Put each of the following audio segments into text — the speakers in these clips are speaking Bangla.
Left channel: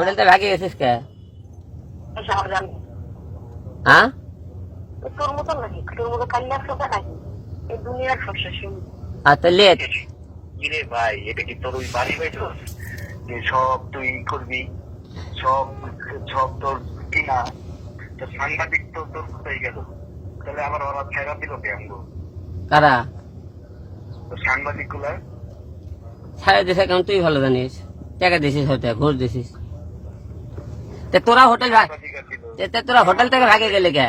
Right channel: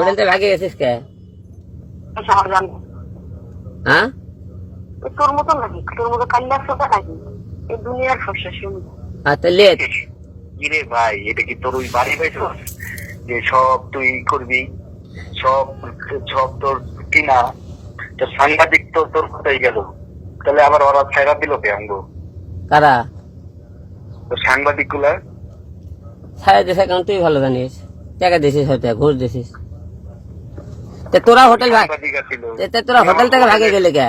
হোটেলতে ভাগে গেছিস কে? হ্যাঁ, তোর মতো নাকি? তোর মতো কাল্লা সোটা নাকি? এই দুনিয়ার সমস্যা শুনি। আচ্ছা লেট কিরে ভাই, এটা কি তোর ওই বাড়ি বাইছ যে সব তুই করবি, সব সব তোর কিনা? তো সাংবাদিক তো তোর কোথায় গেল? তাহলে আবার ওরা ছাইরা দিল কে অঙ্গ? কারা তো সাংবাদিক গুলা ছাড়া দিছে? কারণ তুই ভালো জানিস, টাকা দিছিস, হয়তো ঘুষ দিছিস। তে তোরা হোটেল সাংবাদিক ছিল, তোরা হোটেল থেকে ভাগে গেলে কে?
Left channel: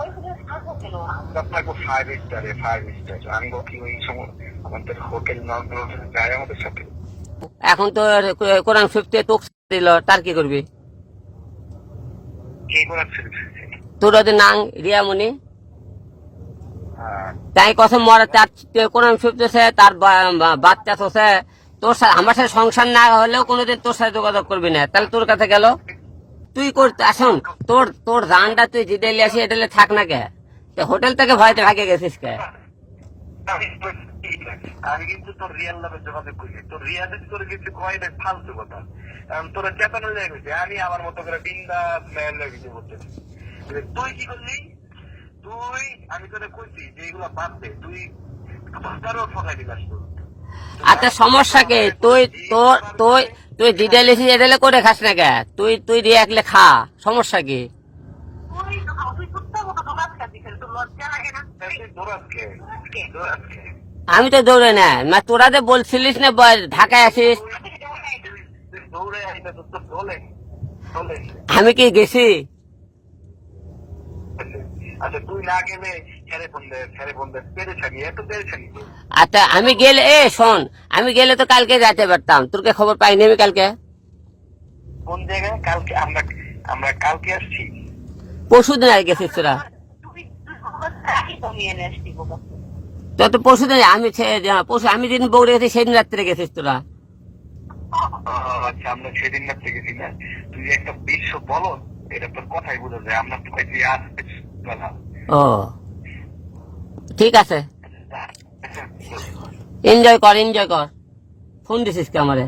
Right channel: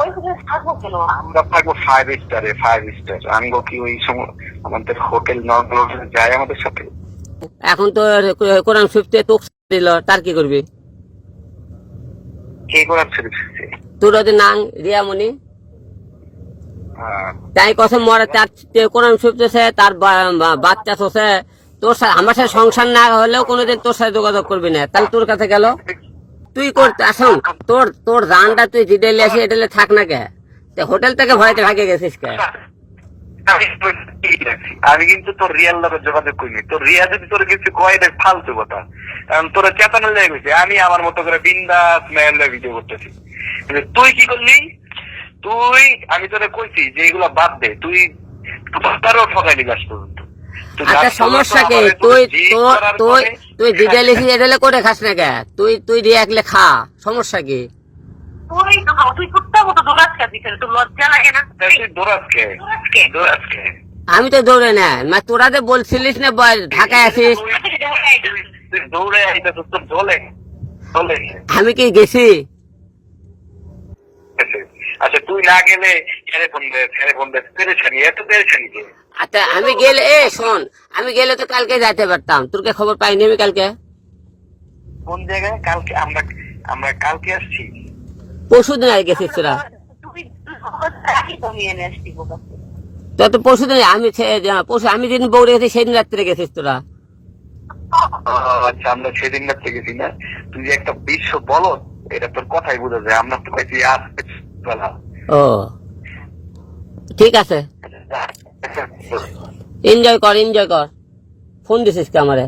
ওই হোটেলে থাকবো কেন? আমরা থাকবো 5 স্টারে, 5 স্টার। আঙ্গো কি ওই সময় আমাদের হোটেল নর্মাল যায় আমাদের সাথে? এখন তো কোরআন শরীফতে তোক দিল, তার কি করবি? কে করার ছিল? তোর ওদের নাং রিয়ামণি, হ্যাঁ, তাই কথা মরা, তার কোরআন শরীফ দিছে, তার বাচ্চা চোষে। তোর সাথে আমার সাথে সংসার না হলেও কোনোদিন তোর সাথে যোগাযোগ করবি না, তাহলে তোর কাছে গেল। তুই করতে আসুন, তোর তোর রানটা তুই জিডেলে আসি, এটালে থাক না কে? হোটেল থেকে ভয়তে ভাগে গেছিস কে? আমি কিন্তু তোর রিয়াল লোকের যোগাযোগ করিনি। তোর রিয়া যদি তোর কিছু কয় দেখ ফালতু কথা, কারণ তোরা চেতনা লেগে গেছে। আমি আমার মতো করে বিন্দাস মেয়ের ভিডিও করতেছি। কিন্তু তুই কি করলি? তুই, আমি তোরে কইছি যে এগুলা বাদ দে, তুই তারও ঠকাইলি লাস্ট পর্যন্ত। আচ্ছা সমস্যা কি? তুই তোর তুই তুই জিডেলে এটালে করে খাস না কে? তুই তুই রিয়াকলে খা, সমস্যা কি? তুই কুত্তা মতো দৌড়াস কেন? তোর লজ্জা লাগে না? আমি তো দৌড়ে না, তোরা যে বলছিলিস না ঢাকায় আছিস, দৌড়ে আইতে তোর ঢোলে ঢোলে। আমি কি গেছি? আচ্ছা তুই না গেলে ফোন দে পেরেছানি, এত পেরেছানি কে? আচ্ছা আমি গেলে, শোন, আমি গেলে তো কালকে যেতে পারতাম, তোর কে খবর পাইনি আমি কালকে? কোন জায়গায়? কালকে আমরা আমরা কালকে আসছি। পরশুদিন আর গেছিস তোরা? তো তো পরশুদিন আমি আমি যেদিন বৌড়ে গেছি সেদিন রাত্রে গেছিস তোরা। আচ্ছা আমরা সেদিন রাত্রে গেছি না? তুই একটা বিশ্ব বলো, এটা তোর কথাই বোঝা যায়। আমরা তো কইছি ও ঠিক আছে, এনজয় কর এনজয় কর। ফোন দিছিস কে আমারে?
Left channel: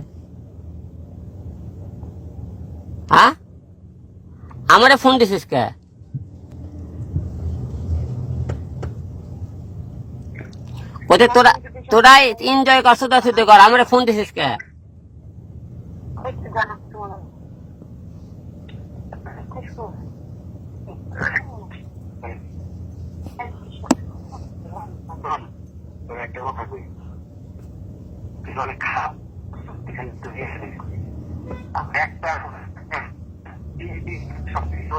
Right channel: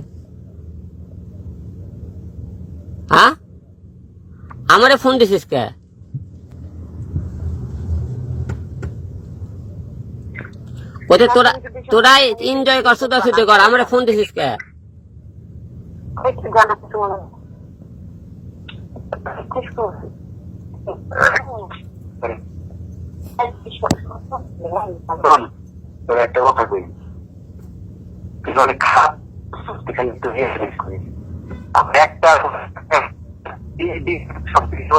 হ্যাঁ, আমারে ফোন দিছিস কে? ওতে তোরা তোরাই এনজয় কর, শুধু শুধু কর, আমারে ফোন দিছিস কে? তোর একটা কথা কই, তুই অনেক খারাপ এখানে তুই করিস। একটা সব কিছু